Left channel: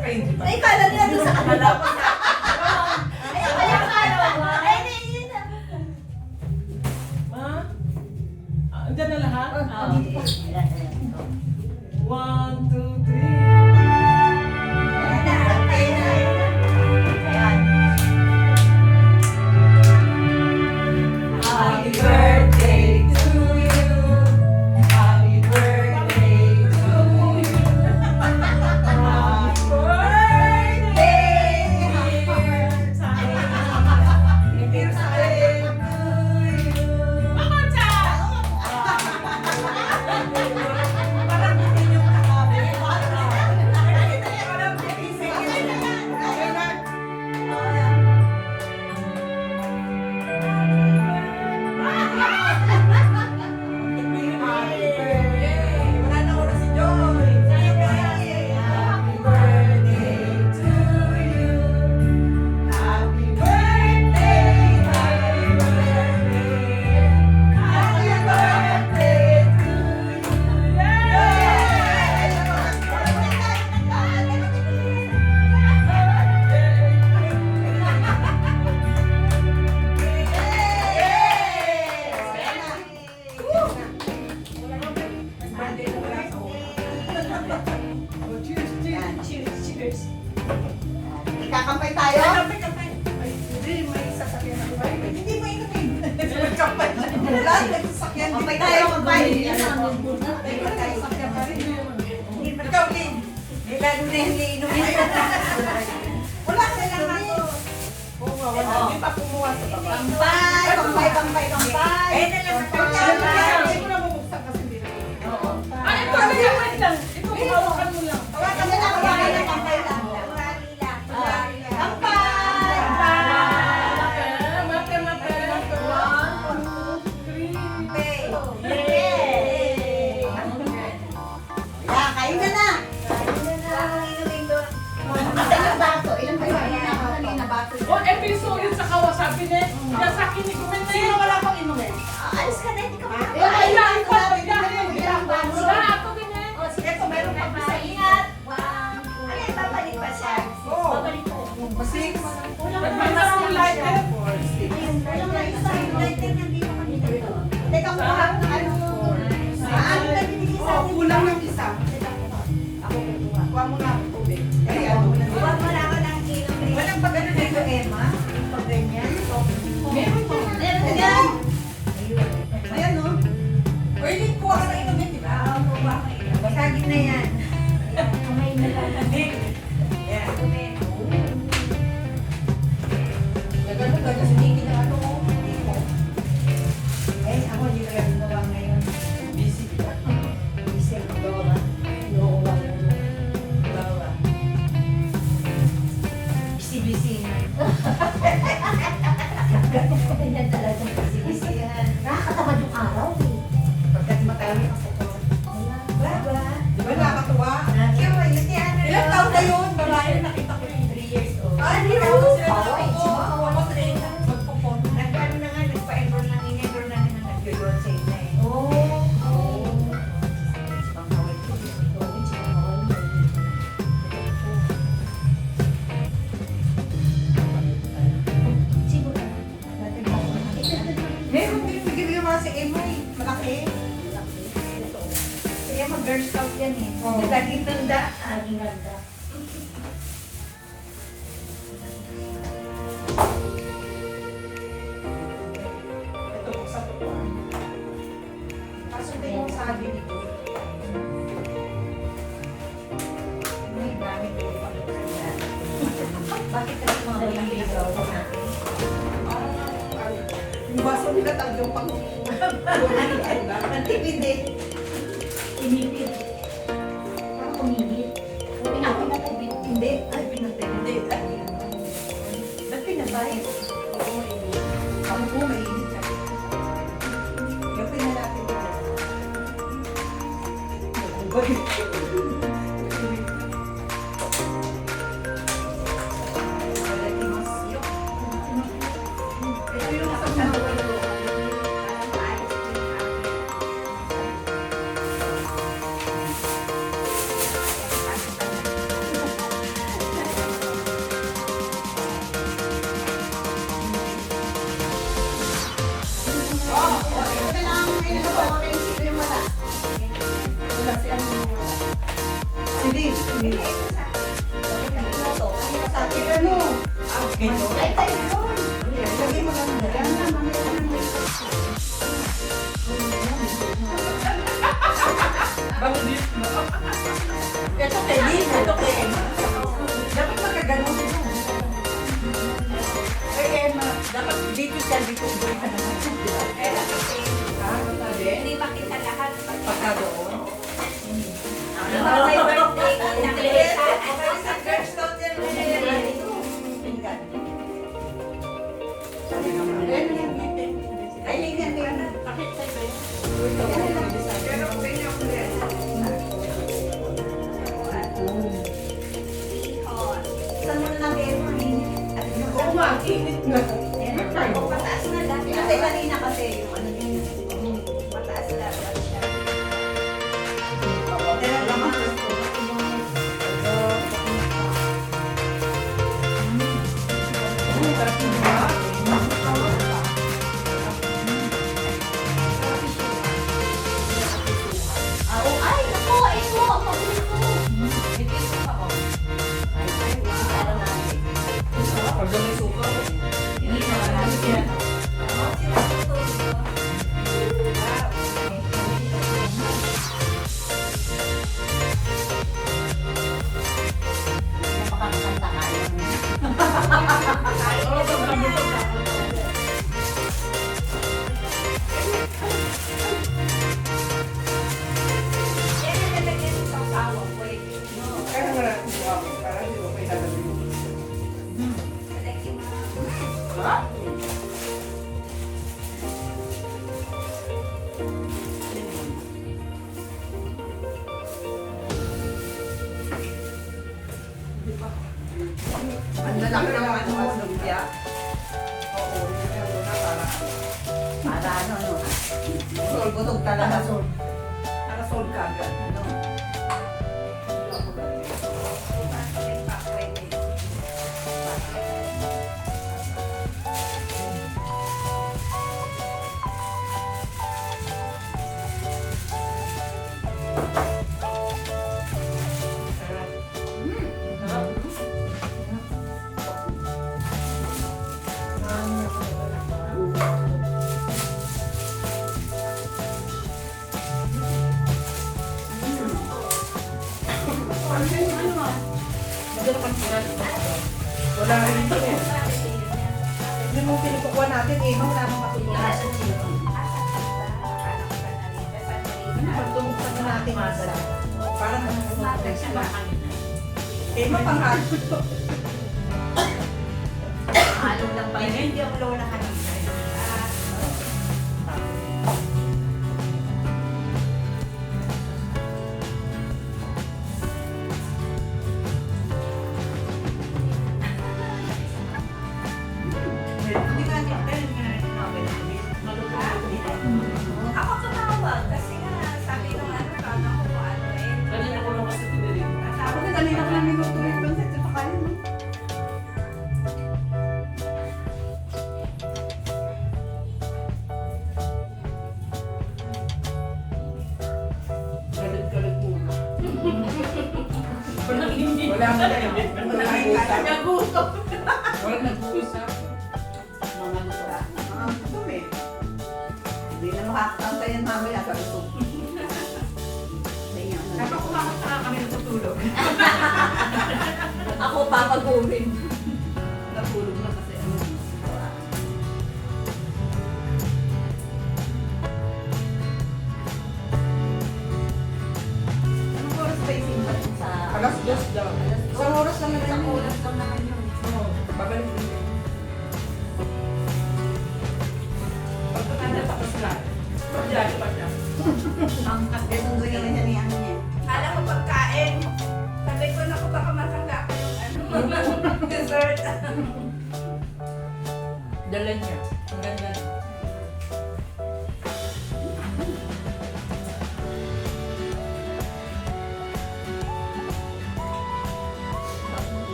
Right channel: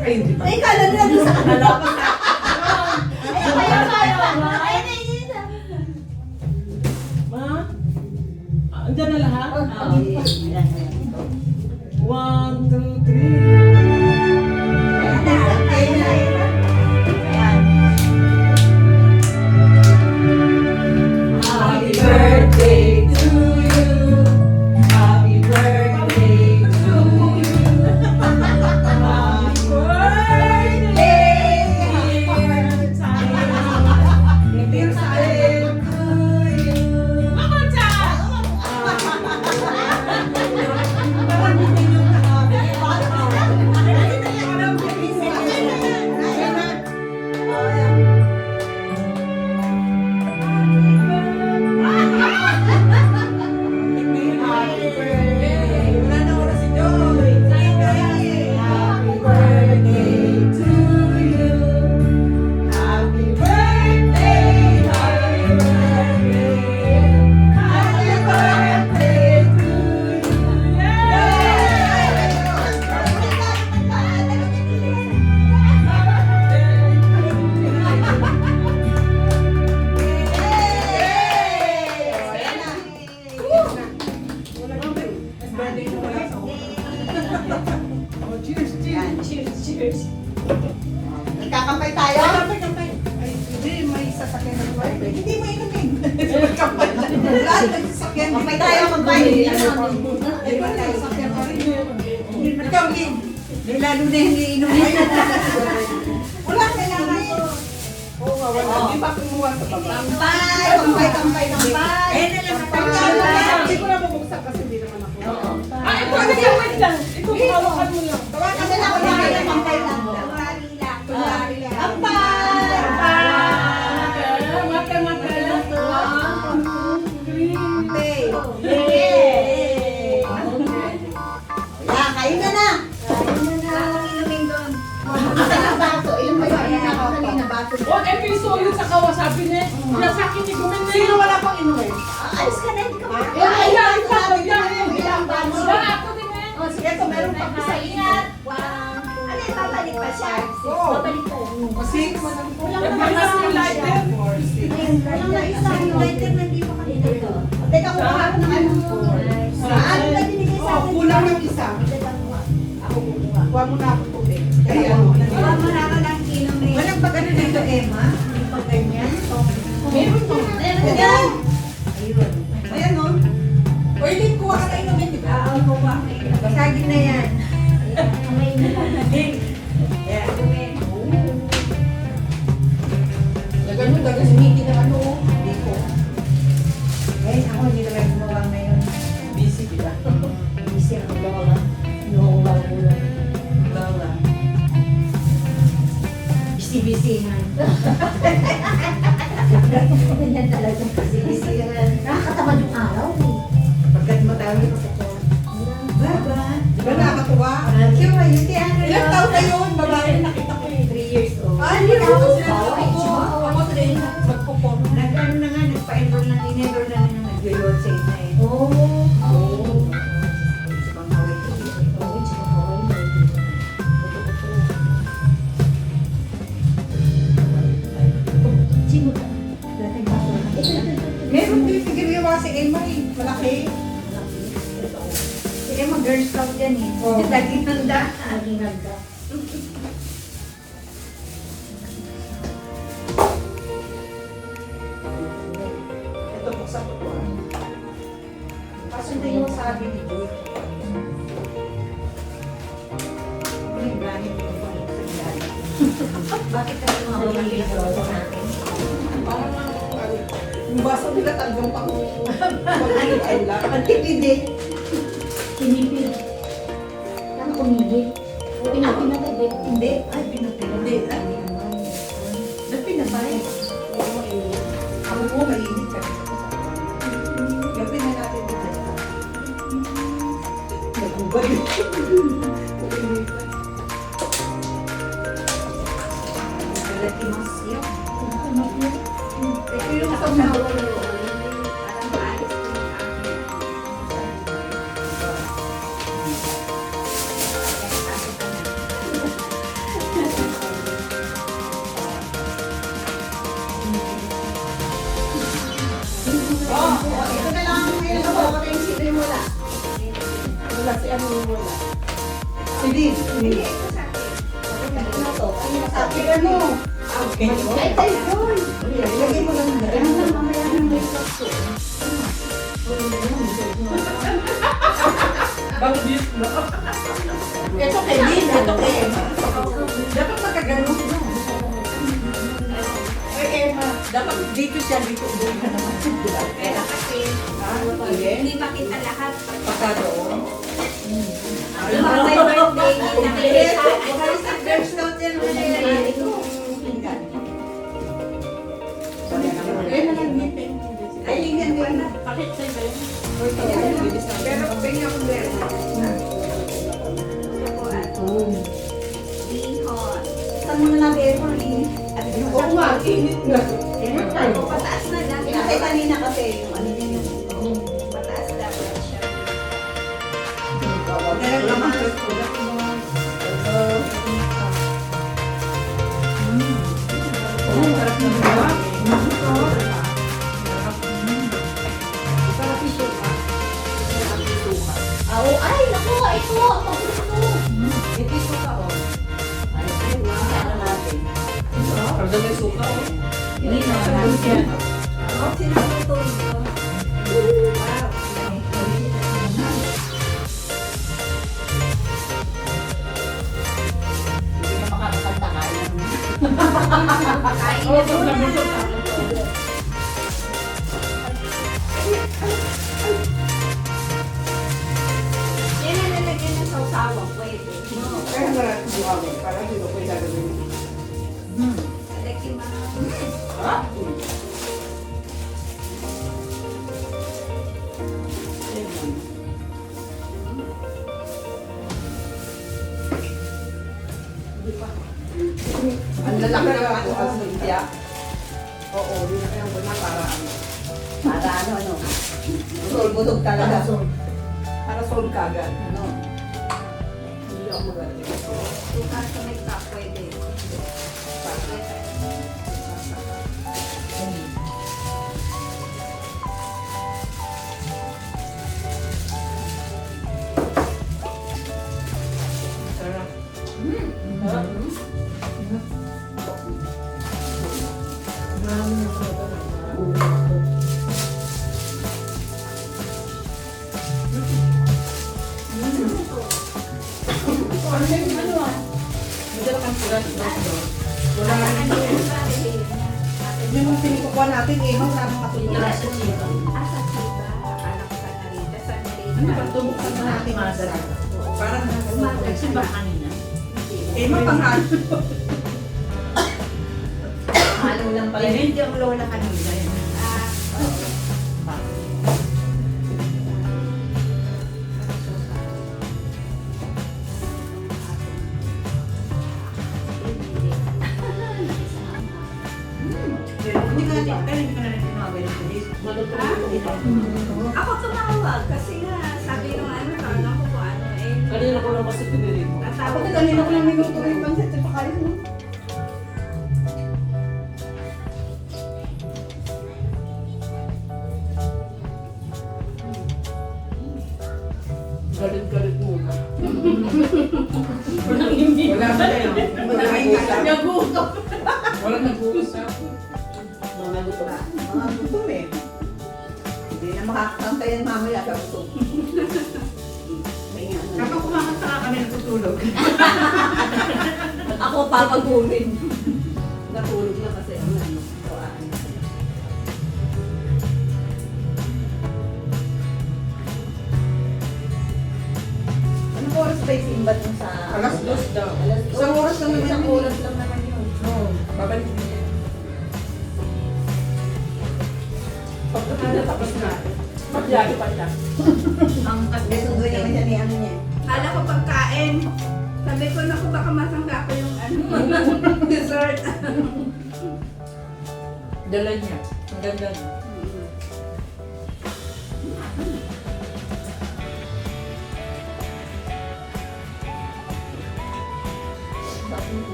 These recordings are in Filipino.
Ay, hindi pa. Ay, kala nila doon sa kanila. Ay, kaya. Ay, hindi. Ha? Andyan na lahat? One, two, three. Happy birthday to you. Happy birthday to you. Happy birthday, dear Sayo, to you. Parang hindi nyo nakabi. Parang wala na wala si Joy. Happy birthday to you. Happy birthday. Happy birthday. Happy birthday to you. Birthday mo kaya sa Oh, cheers, cheers. Kakampay tayo? Kampay. Ay, hindi, may sasakyan ng wifi. Hindi mo inumin. Kampay na. Wala, nagsasakyan. Kampay tayo, kampay. Ay, wala, sasakyan pa rin yun. Ikaw, Lin. Di lalo na hindi inumin. Wala ka naman. Oo nga, wala. Di ba kumuha sa baba? Kampay, kampay. Eh, hindi ko na bubuksan kasi hindi na ako. Ay, wait lang. Ito, hawakan mo lang. Tawagan na lang. Kampay lang. Kampay. Kain na na. Inumin doon. Ilang bato? Ilang bato? Oh, episo yun sa kawasabi niya. Kaya sa akin, igumin na yun. Wala pang inumin. Alis ka na, hindi ka ma- Ay, ikaw. Ako din eh. Sige, kung meron na isa, ingat. Ay, babalik pa siya. Babalik pa. Kasi, nagmamas yung light na yun. Wala na isa, yung lighter nandito ka dito. Teka, kukuha ko ng ano mo. Ano na binigay sa Oh, akin? kulang ng isa. Ako kukuha. Huwag mo na ako tubig. Kaya ano na Wala nila. mo na ako ng kilometer. Walang pag-ano dito, Emma? Pag ganyan. Meron to. Ayan. Ayan, no? Pwede kuha ka na inumin, di ba? Oo, kukuha ko yun. Basagin na yan. Kamay na lang. Yeah. Ganun, ganun, sumiki na ano. Dito. Eh, ako hindi ko lang gumawa ngayon. Busy, di ba? Isip ko ba? Inuuwa ko yun. Wala. Busy-busy man. Ganyan talaga. Busy-busy man. Nakakatamad yung araw eh. Pagkat matalo ka po. Bye-bye. Di ba nakakatuwa? Thank you, ayun si Ana. Ilang taon na yun? Babae na nakita ko yung 3 years old. Ay, hindi ako. Ako, ako train na magpo-pop. Nagkaroon na nga, nagpa-enroll na, in-enroll na na nag-yolotse na eh. Oh. Sabang kawit ko. Oo, sabang kawit. Sino ka? Dati na ako. Meron din ginawa si Emma eh. Malaki. Kaya mag-girl scout yan eh. Oo. Laging handa. Laging handa. Ito po sa totoo. Kaso hindi mo sabi nito. Ay, dami ko pa. Bakit ka naman naliligaw sa akin? Parang ano, yung basa nila talagang pang Ang tipid eh. Tinipid. Ang kumigit. Pinatibid. Hindi. Ay, pinatibid. Hindi. Ba't pinabay? Ako po, mainit ka. Gabi na natin ito. Nagubad. Ito yung pag-away. Sakiran mo. Okay. Ilagay mo lang na. Bangdit mo. Ito kay Lin. Ito kay Emma. Dapat magkaganon. Dapat dito siya, dito. Hindi makita lahat. Pagkaroon. Happy birthday. Ayun yan. Bakit sa'yo? Pero pwede ako na. Saan mo na Beverly? Oo nga, init na. Pataas na lang. Kasi kanina kasi yung ano din yun. Pataas na lang siya. Pero naman. Sarap na ba? Ay, naku, ito. Pag may suka. Oh, suka mo. Kaya wala ko buka mo. Para dito ko ilalagay. Ang lalaki na ako ang lumpia. Oo, yun ang una para ano. Para ano. Busog talaga. Para solve ka agad. Ano? Madala kang surat. Wala rin ito eh. Yung mga pinukukuha natin, wala nang matulungan. Ano pag tumuktan na natin masarap? Parang mapanghalo. Halo lang pala. Hindi ang lola kanina. Hindi ka na rin tinawag ng bilis. Ako tumawag kasi nga sabi ng ano, kala ko ano eh. Kanina ko lang kasi pinili. Ako na kanina ko lang niluto rin ng set pa kayo, no? Galit-galit muna. Walang hindi. Wala pa na yun. Wala kayong Nag-uusap. Wala nag-uusap. Mga gusto ka. gutom eh. Hindi na makakakanta yan mamaya sa gutom. Kapag kumakanta ka kami natutulog. Ako papagurin. Natulog na kasi ano. Anong oras pa yung simbat mo sa... Alas 2 daw. Isang oras lang naman Isang yun. oras lang naman yun. Oo, babalik din. Pagkakala tapos na. Magyari pa na. Ang Hindi, sunod naman yan ni ano niya. Kala ko pagkain. Sabi ko na baka matangga ko yung ano, dessert. Dala niya. Ang ganda niya.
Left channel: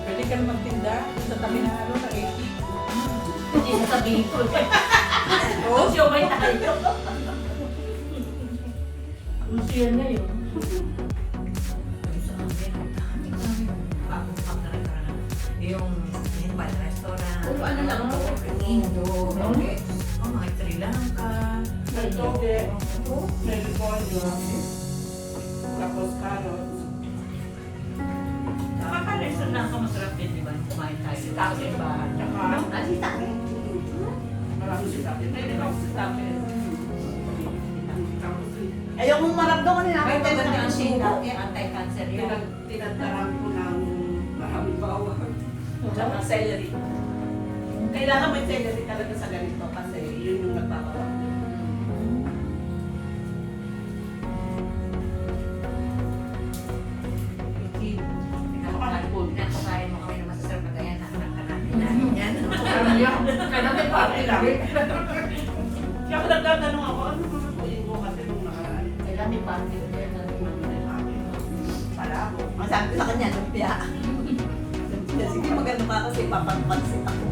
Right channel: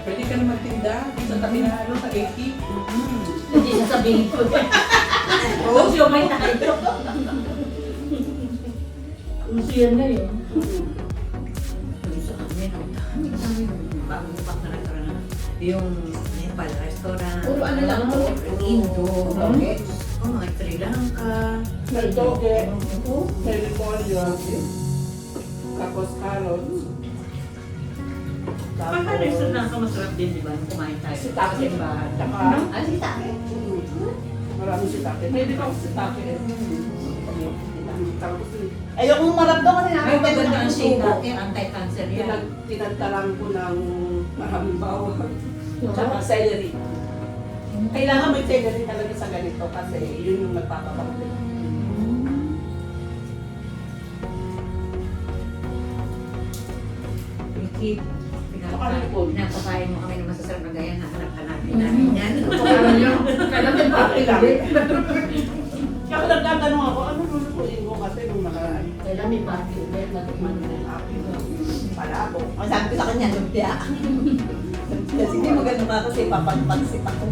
Pwede ka na magtinda sa tabi na ano, sa 80. Hindi sasabihin ko. Oo, siya may tayo. uso yan ngayon. Sa amin, ang dami bagong pang na yung Nepal restaurant. Puro ano lang, no? Indo. Mga Sri Lanka. May toge, may repolyo, tapos carrots. Kakares na lang masarap din, di ba? Nung kumain tayo. Sitake. Simbahan. Tsaka, Ano sitake? marami sitake. Pwede ba ako sitake? Tapos, Ayoko marap doon kasi Ay, maganda ang suko. sitake. Anti-cancer yan. tinagtaran ko ng maraming bawang. Tsaka celery. Kailangan may celery talaga sa ganito kasi yun yung nagpapatakbo. Pinapakain mo kami ng masasarap na ganyan. Hanap-hanap namin yan. Kaya may pati lang. Ako nagtatanong ako, ano lulutuin mo kasi nung nakaraan? Kaya may pati. May nagman na yung akin. Para ako. Masabi ko sa kanya, lumpia. Kasi hindi maganda ka kasi papagpansit ako.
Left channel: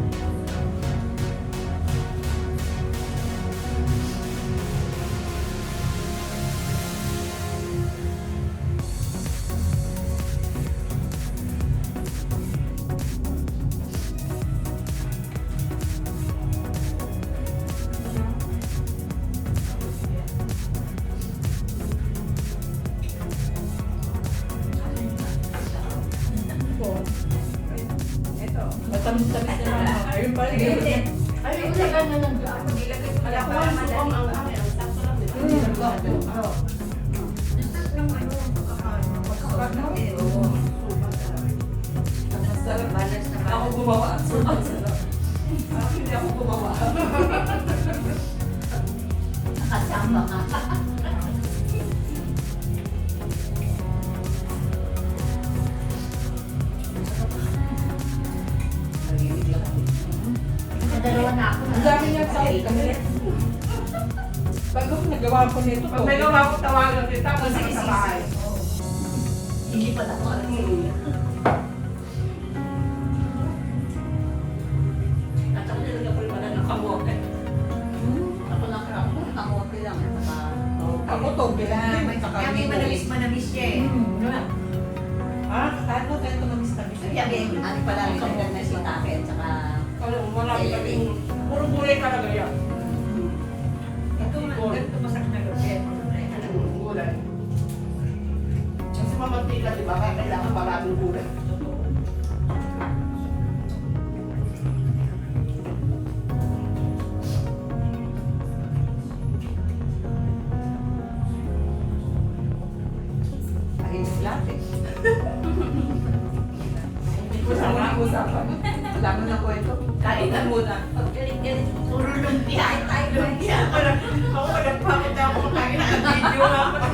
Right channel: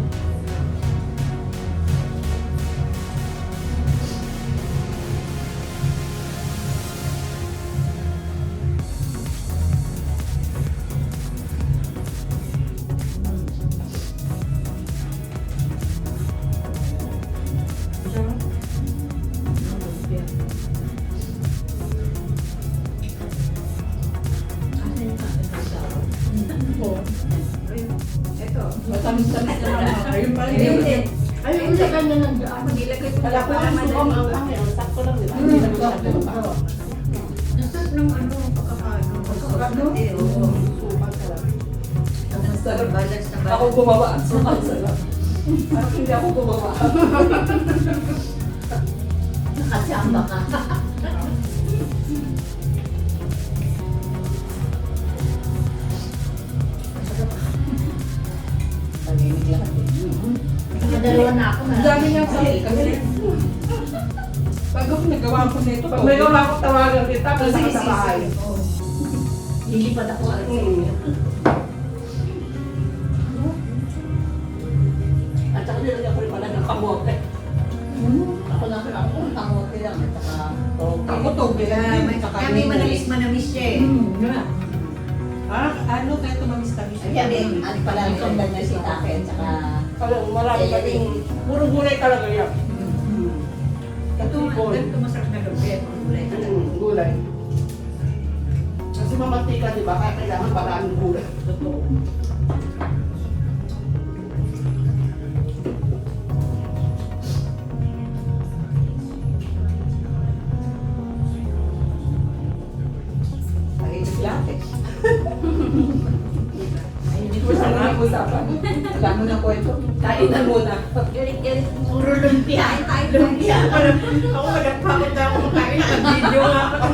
Ito. Matamis-tamis na lang. Ayun pa rin. Ayun, ilagay na ng ano. Wala ko ang sukom ang dami. Ang sakto lang, di ba? Hindi naman siya ganun pa. Nasas ng ano, pagkakano. Masarap na din. Sukat talaga. Sarap balance na Ako balance. gumawa. Sukat sarap. Parang hindi ako gumawa. Nakasama ka. Dalawa na ako. Ang dami niyang sakit kami. Pag ako nagawa ko nito, pag may gawa ko tawagan kita, kasi sa bahay. Hindi pa ako. At saka nilagyan ko rin pala ng kamote. Ako lang ako, kamote lang. Saka, Ako toge. Kaya may manamis-manamis siya eh. Ano tayo tumamis-tamis? Yan eh, ano pala ang sundan na sitake at saka Alam, marami kaming, puro gulay talaga yan. Ito, ganito masarap na lumpia. Ito, gulay talaga. Gulay. Kasi mamantika, di ba? Kaya kailangan maraming gulay. Totoo. mahigit yate. Masarap usapan. Alam mo na po ito. Kain na muna. Erit-erit. Puro lumpia. Lumpia. Ako nagpapagod na ako makain. Naka-video nga ako.